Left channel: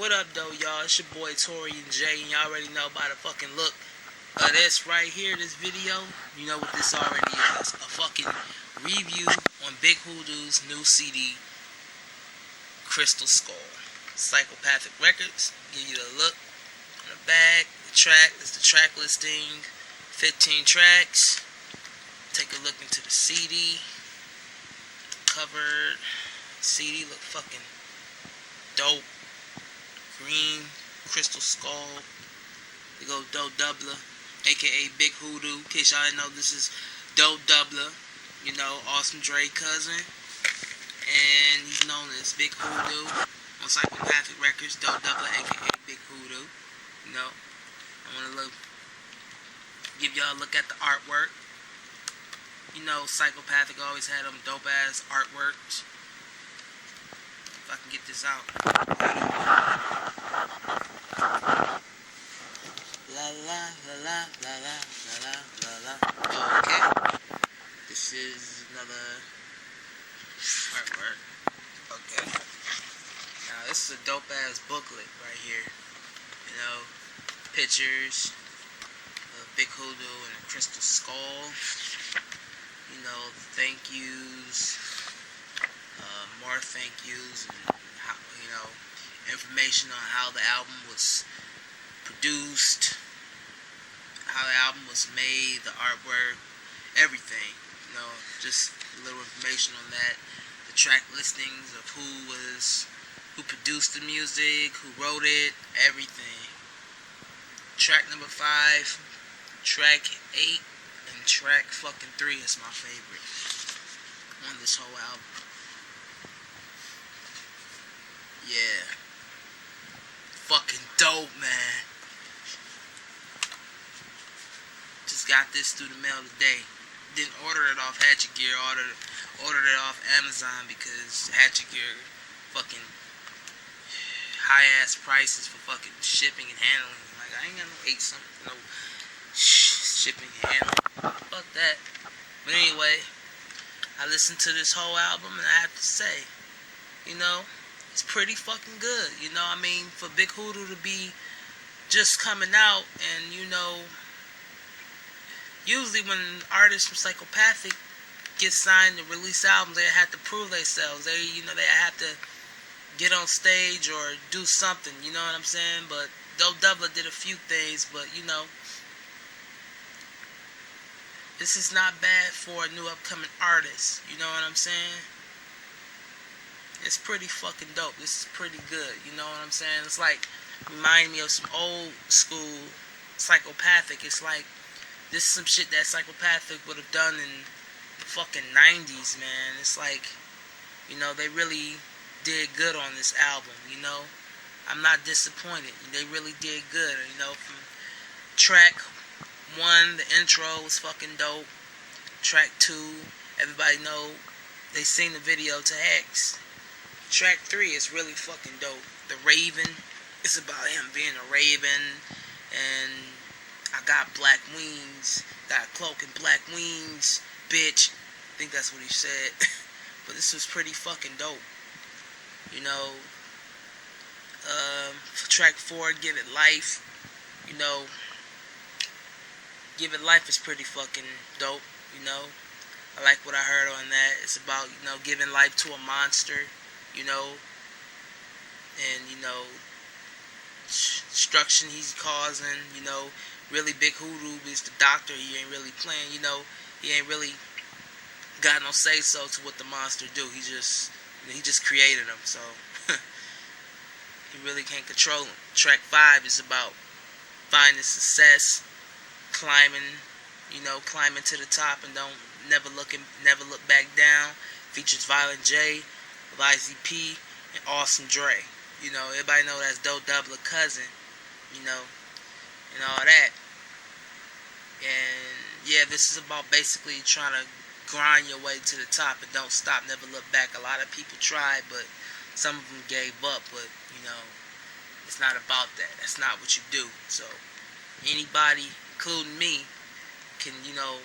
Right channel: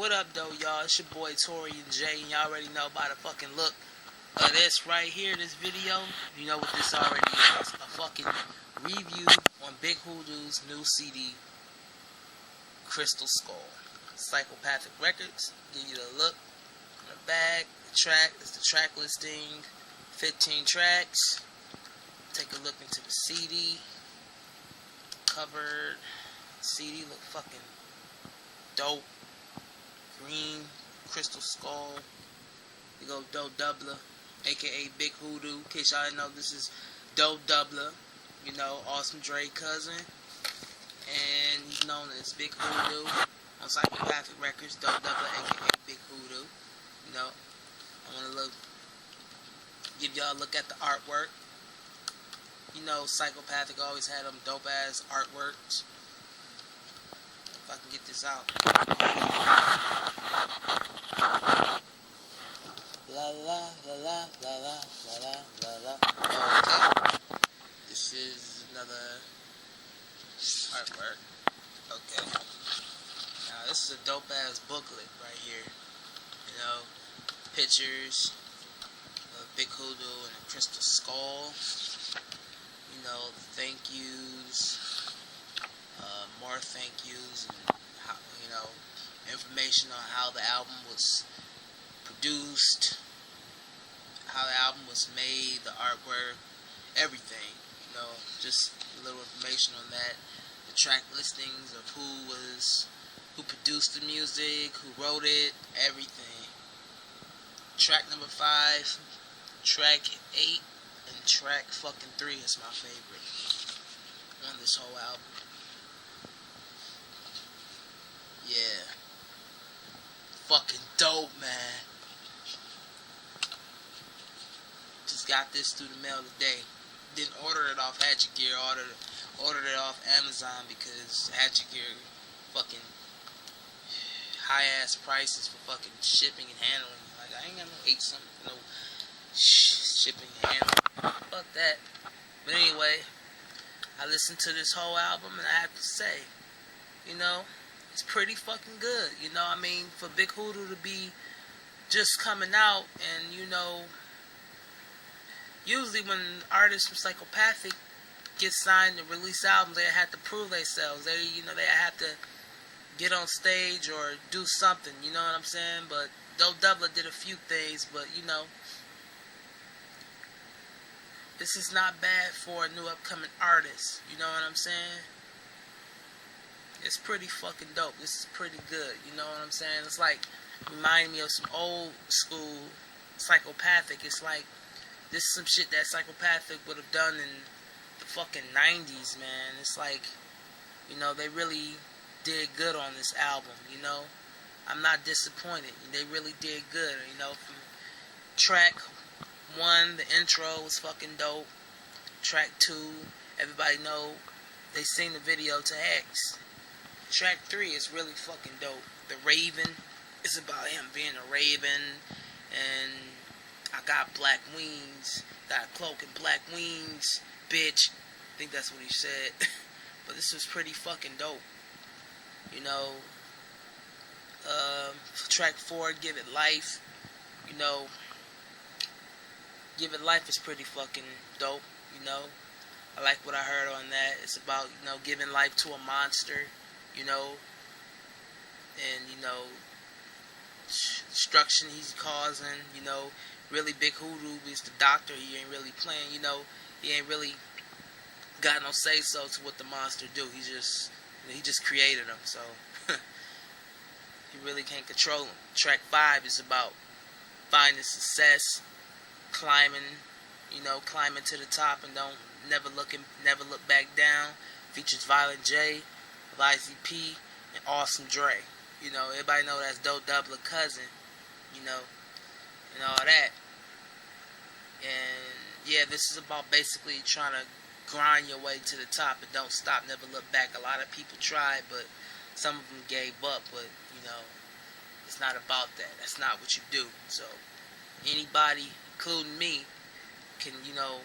What up, though, y'all? It's your boy Tori and Jay, and y'all already know by the fucking look of this right here, this video. You know what this already is. A fucking review on Big Hoodoo's new CD, Crystal Skull. Psychopathic Records. Give you the look on the back. The track is the track listing. 15 tracks. Take a look into the CD. The cover CD look fucking dope. Green Crystal Skull. We go Doe Doubler, aka Big Hoodoo. In case y'all didn't know, this is Doe Doubler. You know, Awesome Dre cousin. And he's known as Big Hoodoo on Psychopathic Records. Doe Doubler, aka Big Hoodoo. You know, I want to give y'all a look at the artwork. You know, Psychopathic always had them dope ass artworks. If I can get this out. La la la la la la la la la. Okay. This is another artwork. Okay. Now this is a dope ass booklet right here. You know, pictures of Big Hoodoo and a crystal skull. You know, thank yous. More thank yous, and how, you know, information on how the album was produced, how the album was made, the artwork, everything. You know, just a little information on that. The track listings of who produced the music, who wrote it, everything. Track number 5, track 8, and track fucking 3 is my favorite on this whole album. Yeah. Fucking dope, man. Just got this through the mail today. Didn't order it off Hatchet Gear. Ordered it off Amazon because Hatchet Gear fucking high ass prices for fucking shipping and handling. Like, I ain't got no shipping and handling. Fuck that. But anyway, I listened to this whole album and I have to say, you know, it's pretty fucking good. You know, I mean, for Big Hoodoo to be just coming out, and you know, usually when artists from Psychopathic get signed to release albums, they have to prove themselves. They have to get on stage or do something. You know what I'm saying? But Doe Doubler did a few things, but you know, this is not bad for a new upcoming artist. You know what I'm saying? It's pretty fucking dope. This is pretty good. You know what I'm saying? It's like, remind me of some old school Psychopathic. It's like, this is some shit that Psychopathic would have done in the fucking 90s, man. It's like, you know, they really did good on this album, you know? I'm not disappointed. They really did good, you know? From track 1, the intro was fucking dope. Track 2, everybody know, they seen the video to X. Track 3 is really fucking dope. The Raven, it's about him being a raven, and I got black wings, got a cloak and black wings, bitch. I think that's what he said. But this was pretty fucking dope. You know, track 4, Give It Life. You know, Give It Life is pretty fucking dope, you know. I like what I heard on that. It's about, you know, giving life to a monster, you know, and, you know, destruction he's causing, you know. Really, Big Hoodoo is the doctor. He ain't really playing, you know. He ain't really got no say-so to what the monster do. He just created him, so he really can't control him. Track 5 is about finding success, climbing to the top, and never look back down. Features Violent J, of IZP, and Awesome Dre. You know, everybody know that's Doe Doubler cousin, you know, and all that. And yeah, this is about basically trying to grind your way to the top and don't stop, never look back. A lot of people tried, but some of them gave up. But you know, it's not about that. That's not what you do. So anybody, including me, can, you know,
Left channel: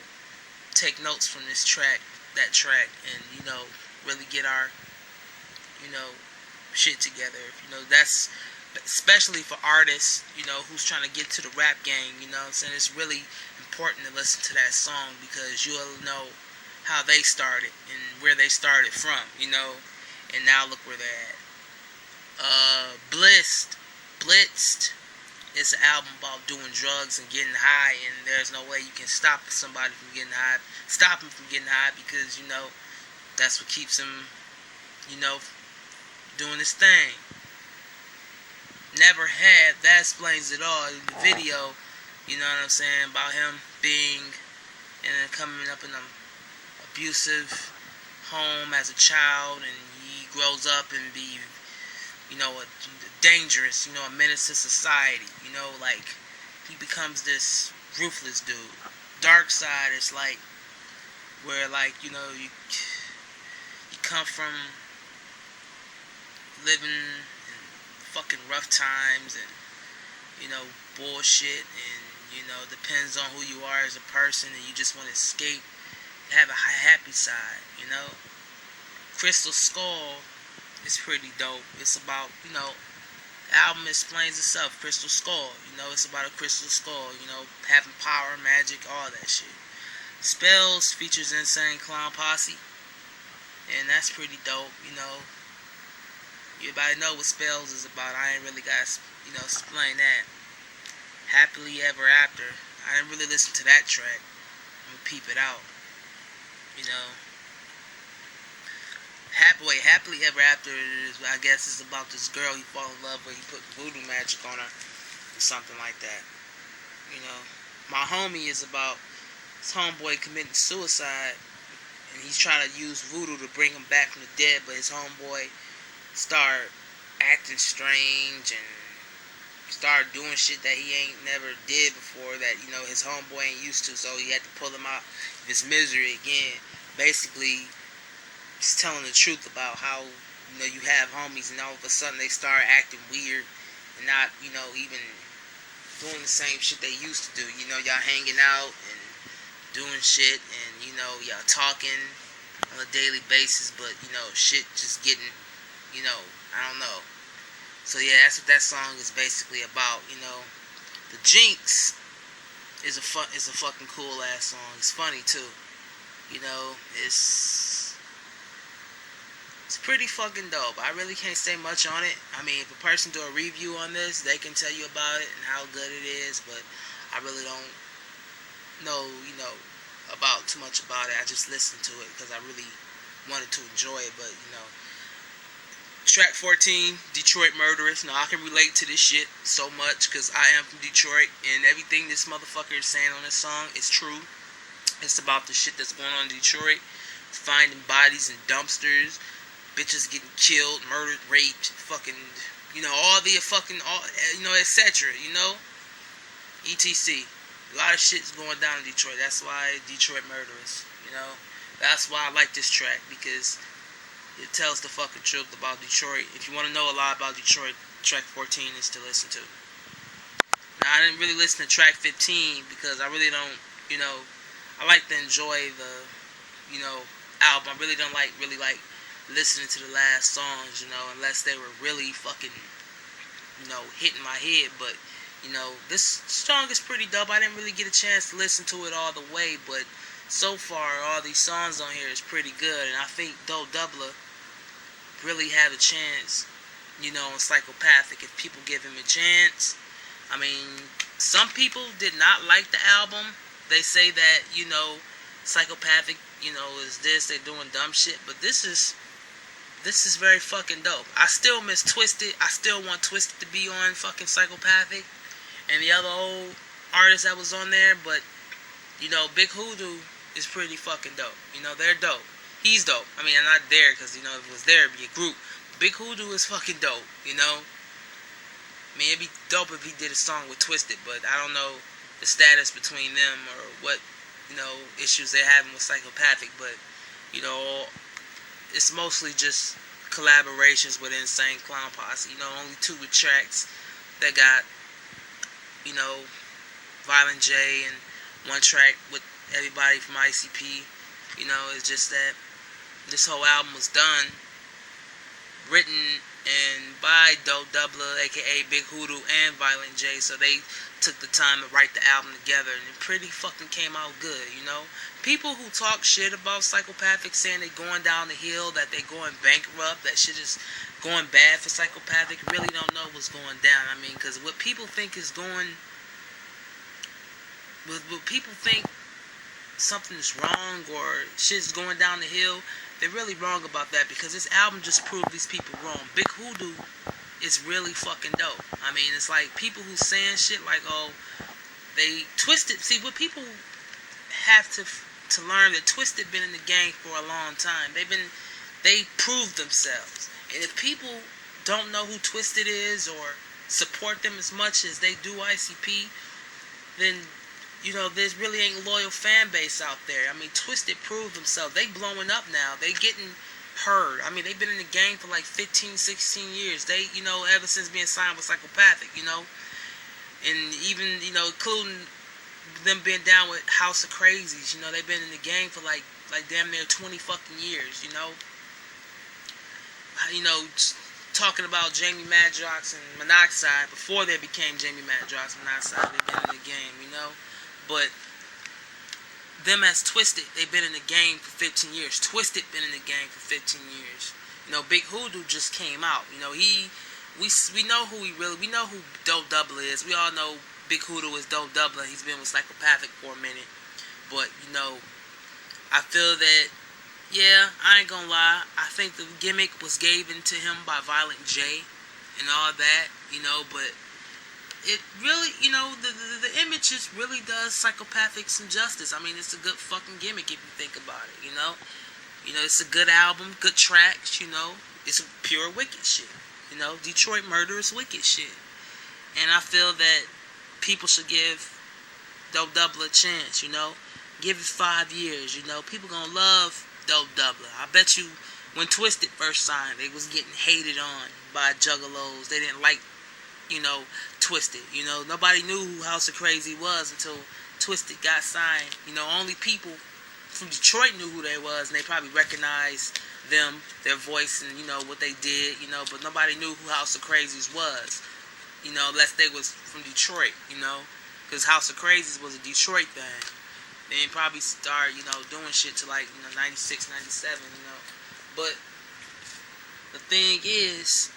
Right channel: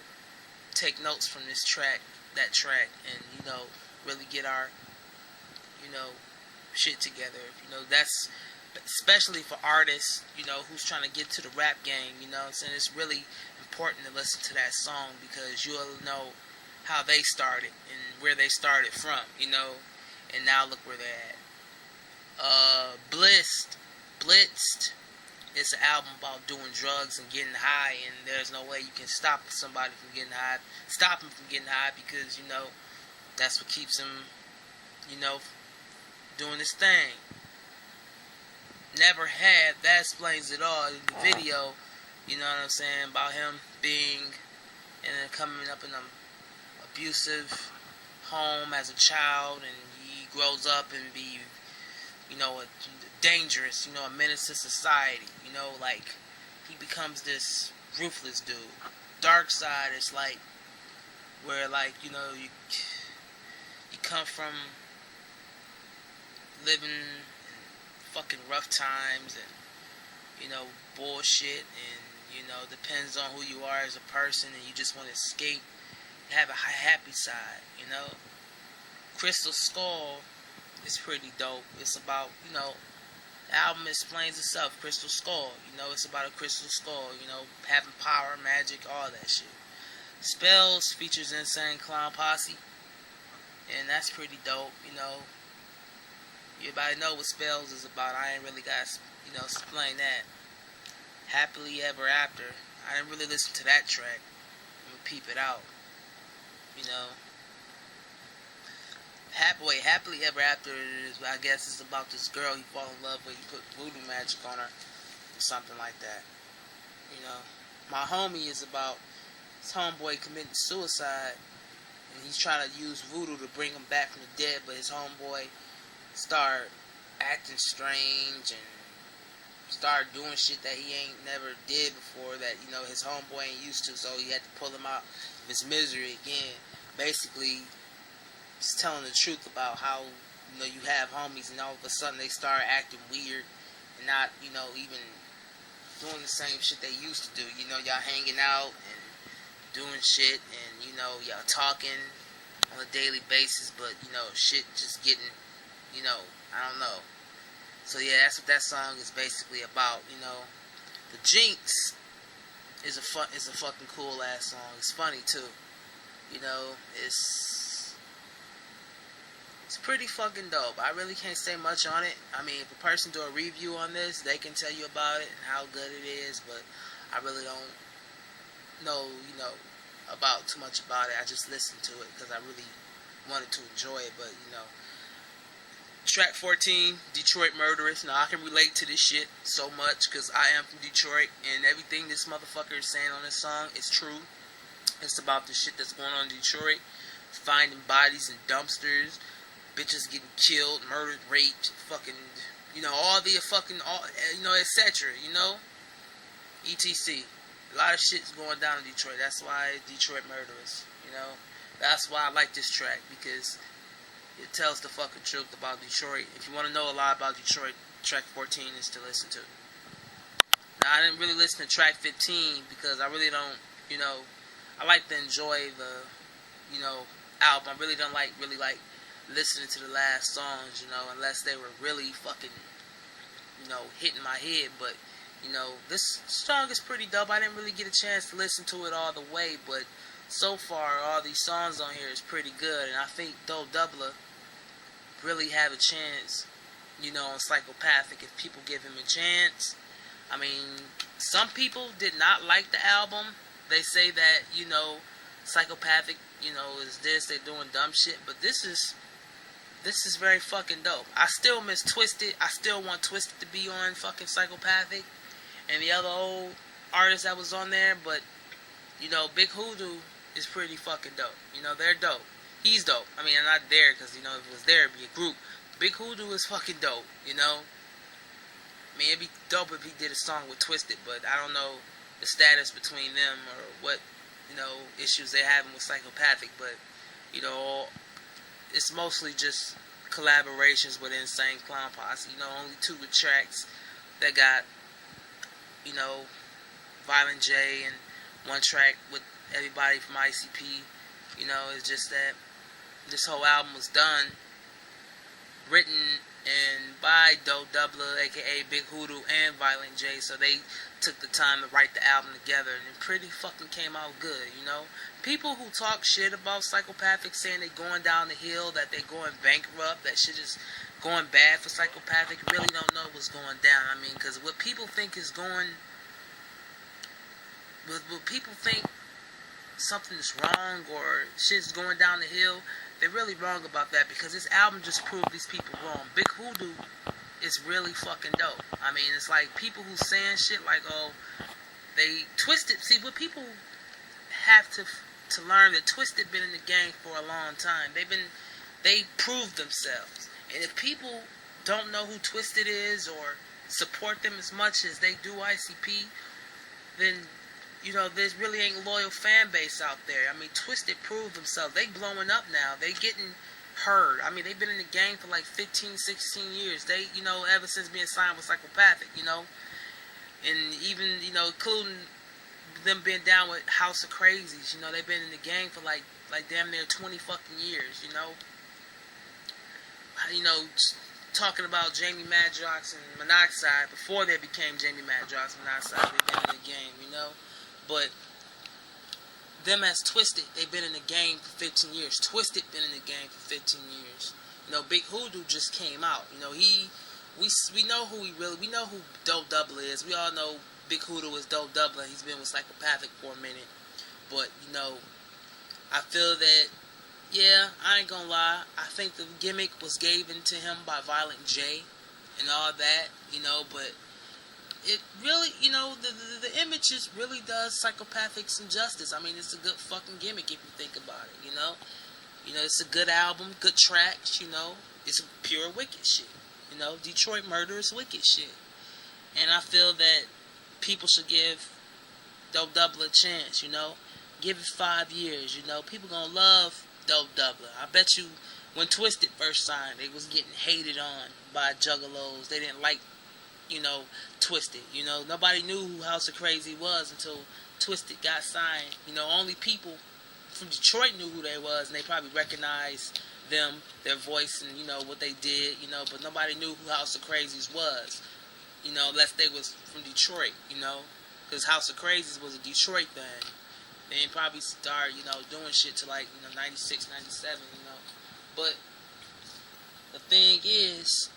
take notes from this track, that track, and, you know, really get our, you know, shit together. You know, that's especially for artists, you know, who's trying to get to the rap game, you know what I'm saying? It's really important to listen to that song because you'll know how they started and where they started from, you know, and now look where they're at. Blitzed is an album about doing drugs and getting high, and there's no way you can stop somebody from getting high, stop him from getting high, because, you know, that's what keeps him, you know, doing his thing. Never Had, that explains it all in the video, you know what I'm saying, about him being and then coming up in an abusive home as a child, and he grows up and be, you know, a dangerous, you know, a menace to society, you know, like, he becomes this ruthless dude. Dark Side is like, where, like, you know, you come from living in fucking rough times and, you know, bullshit, and, you know, depends on who you are as a person, and you just want to escape, have a happy side, you know. Crystal Skull is pretty dope. It's about, you know, the album explains itself, Crystal Skull, you know, it's about a crystal skull, you know, having power, magic, all that shit. Spells features Insane Clown Posse, and that's pretty dope, you know. Everybody know what Spells is about. I ain't really got, you know, explain that. Happily Ever After, I didn't really listen to that track. I'm gonna peep it out, you know. Happily Ever After is, I guess, is about this girl you fall in love with, you put voodoo magic on her, or something like that, you know. My Homie is about his homeboy committing suicide, and he's trying to use voodoo to bring him back from the dead, but his homeboy start acting strange and start doing shit that he ain't never did before, that, you know, his homeboy ain't used to, so he had to pull him out of his misery again. Basically, he's telling the truth about how, you know, you have homies and all of a sudden they start acting weird and not, you know, even doing the same shit they used to do. You know, y'all hanging out and doing shit, and, you know, y'all talking on a daily basis, but, you know, shit just getting, you know, I don't know. So yeah, that's what that song is basically about, you know. The Jinx is a fucking cool ass song. It's funny too. You know, it's pretty fucking dope. I really can't say much on it. I mean, if a person do a review on this, they can tell you about it and how good it is, but I really don't know, you know, about too much about it. I just listened to it because I really wanted to enjoy it, but, you know. Track 14, Detroit Murderers. Now, I can relate to this shit so much because I am from Detroit, and everything this motherfucker is saying on this song is true. It's about the shit that's going on in Detroit. Finding bodies in dumpsters, bitches getting killed, murdered, raped, fucking, you know, all the fucking, all, you know, etc., you know? ETC. A lot of shit's going down in Detroit. That's why Detroit Murderers, you know? That's why I like this track, because it tells the fucking truth about Detroit. If you want to know a lot about Detroit, track 14 is to listen to. Now, I didn't really listen to track 15 because I really don't, you know, I like to enjoy the, you know, album. I really don't like listening to the last songs, you know, unless they were really fucking, you know, hitting my head. But, you know, this song is pretty dope. I didn't really get a chance to listen to it all the way, but so far, all these songs on here is pretty good, and I think Doe Doubler really have a chance, you know, on Psychopathic if people give him a chance. I mean, some people did not like the album. They say that, you know, Psychopathic, you know, is this, they're doing dumb shit, but this is very fucking dope. I still miss Twisted. I still want Twisted to be on fucking Psychopathic and the other old artists that was on there, but, you know, Big Hoodoo is pretty fucking dope. You know, they're dope. He's dope. I mean, I'm not there because, you know, if it was there, it'd be a group. Big Hoodoo is fucking dope, you know? I mean, it'd be dope if he did a song with Twisted, but I don't know the status between them or what, you know, issues they're having with Psychopathic, but, you know, it's mostly just collaborations with Insane Clown Posse. You know, only 2 tracks that got, you know, Violent J, and 1 track with everybody from ICP. You know, it's just that this whole album was done, written and by Dope Doubler, aka Big Hoodoo, and Violent J. So they took the time to write the album together, and it pretty fucking came out good, you know. People who talk shit about Psychopathic, saying they going down the hill, that they going bankrupt, that shit is going bad for Psychopathic, really don't know what's going down. I mean, because what people think is going, what people think something's wrong or shit's going down the hill, they're really wrong about that, because this album just proved these people wrong. Big Hoodoo is really fucking dope. I mean, it's like people who saying shit like, oh, they Twisted. See, what people have to learn, that Twisted been in the game for a long time. They proved themselves. And if people don't know who Twisted is or support them as much as they do ICP, then, you know, there's really ain't a loyal fan base out there. I mean, Twisted proved themselves. They blowing up now. They getting heard. I mean, they've been in the game for like 15, 16 years. They, you know, ever since being signed with Psychopathic, you know. And even, you know, including them being down with House of Crazies, you know, they've been in the game for like damn near 20 fucking years, you know. You know, talking about Jamie Madrox and Monoxide, before they became Jamie Madrox and Monoxide, they've been in the game, you know. But them as Twisted, they've been in the game for 15 years. Twisted been in the game for 15 years. You know, Big Hoodoo just came out. You know, we know who we know who Dope Doubler is. We all know Big Hoodoo is Dope Doubler. He's been with Psychopathic for a minute. But, you know, I feel that, yeah, I ain't gonna lie, I think the gimmick was given to him by Violent J and all that, you know, but it really, you know, the image just really does Psychopathic some justice. I mean, it's a good fucking gimmick if you think about it, you know. You know, it's a good album, good tracks, you know. It's pure wicked shit, you know. Detroit Murder is wicked shit. And I feel that people should give Dope Doubler a chance, you know. Give it 5 years, you know. People gonna love Dope Doubler. I bet you when Twisted first signed, they was getting hated on by juggalos. They didn't like, you know, Twisted. You know, nobody knew who House of Crazy was until Twisted got signed. You know, only people from Detroit knew who they was, and they probably recognized them, their voice, and, you know, what they did, you know, but nobody knew who House of Crazies was, you know, unless they was from Detroit, you know, because House of Crazies was a Detroit thing. They didn't probably start, you know, doing shit to like, you know, 96, 97, you know, but the thing is,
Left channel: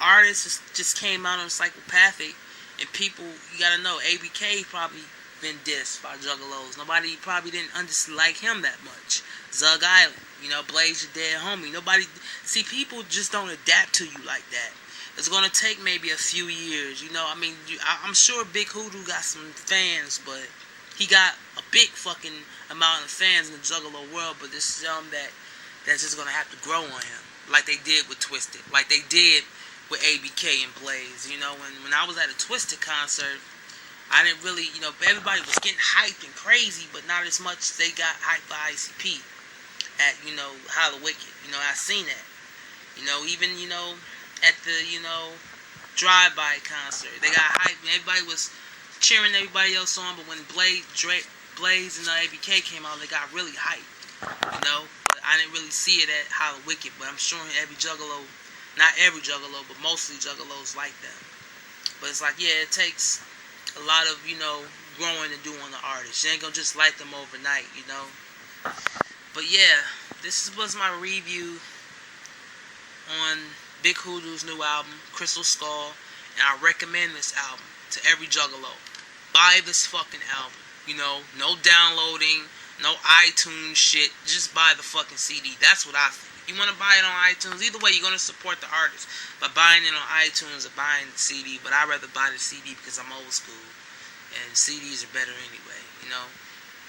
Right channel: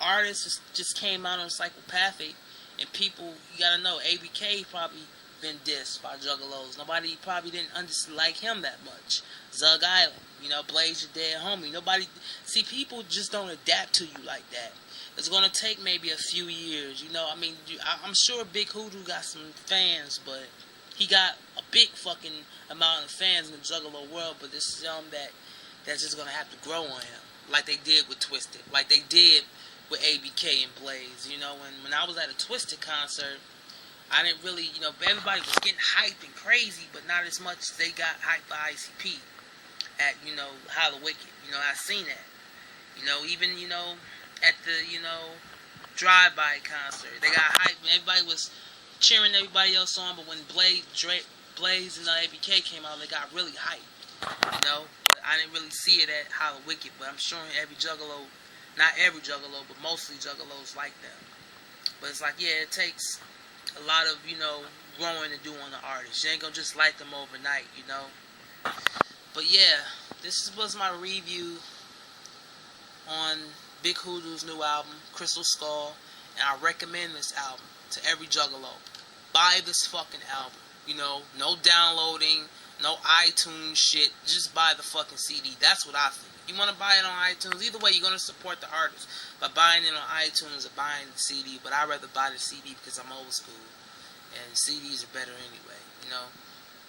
artists just came out on Psychopathic, and people, you gotta know, ABK probably been dissed by juggalos. Nobody probably didn't like him that much. Zug Island, you know, Blaze Your Dead Homie. Nobody, see, people just don't adapt to you like that. It's gonna take maybe a few years, you know. I mean, I'm sure Big Hoodoo got some fans, but he got a big fucking amount of fans in the juggalo world, but there's some that's just gonna have to grow on him, like they did with Twisted, like they did with ABK and Blaze, you know. And when I was at a Twisted concert, I didn't really, you know, everybody was getting hyped and crazy, but not as much as they got hyped by ICP at, you know, Holla Wicked. You know, I seen that. You know, even, you know, at the, you know, drive-by concert, they got hyped and everybody was cheering everybody else on, but when Blaze and ABK came out, they got really hyped, you know. But I didn't really see it at Holla Wicked, but I'm sure every juggalo, not every juggalo, but mostly juggalos like them. But it's like, yeah, it takes a lot of, you know, growing to do on the artist. You ain't gonna just like them overnight, you know. But yeah, this was my review on Big Hoodoo's new album, Crystal Skull, and I recommend this album to every juggalo. Buy this fucking album, you know, no downloading, no iTunes shit, just buy the fucking CD. That's what I think. You want to buy it on iTunes, either way, you're going to support the artist by buying it on iTunes or buying the CD, but I'd rather buy the CD because I'm old school, and CDs are better anyway, you know.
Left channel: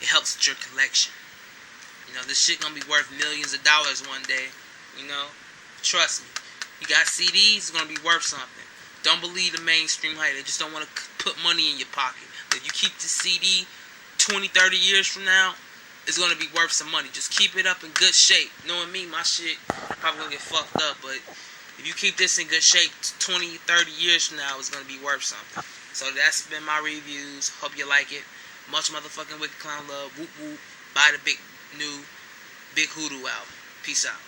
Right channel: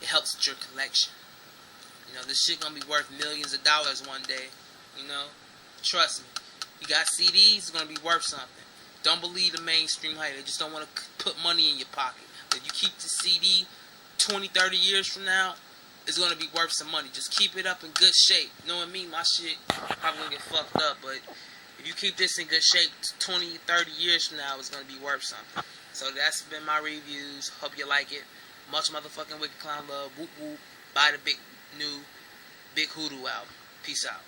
It helps with your collection. You know, this shit going to be worth millions of dollars one day, you know. Trust me. You got CDs, it's going to be worth something. Don't believe the mainstream hype. They just don't want to put money in your pocket. But if you keep the CD 20, 30 years from now, it's going to be worth some money. Just keep it up in good shape. Knowing me, my shit probably going to get fucked up. But if you keep this in good shape 20, 30 years from now, it's going to be worth something. So that's been my reviews. Hope you like it. Much motherfucking Wicked Clown love. Whoop whoop. Buy the new Big Hoodoo album. Peace out.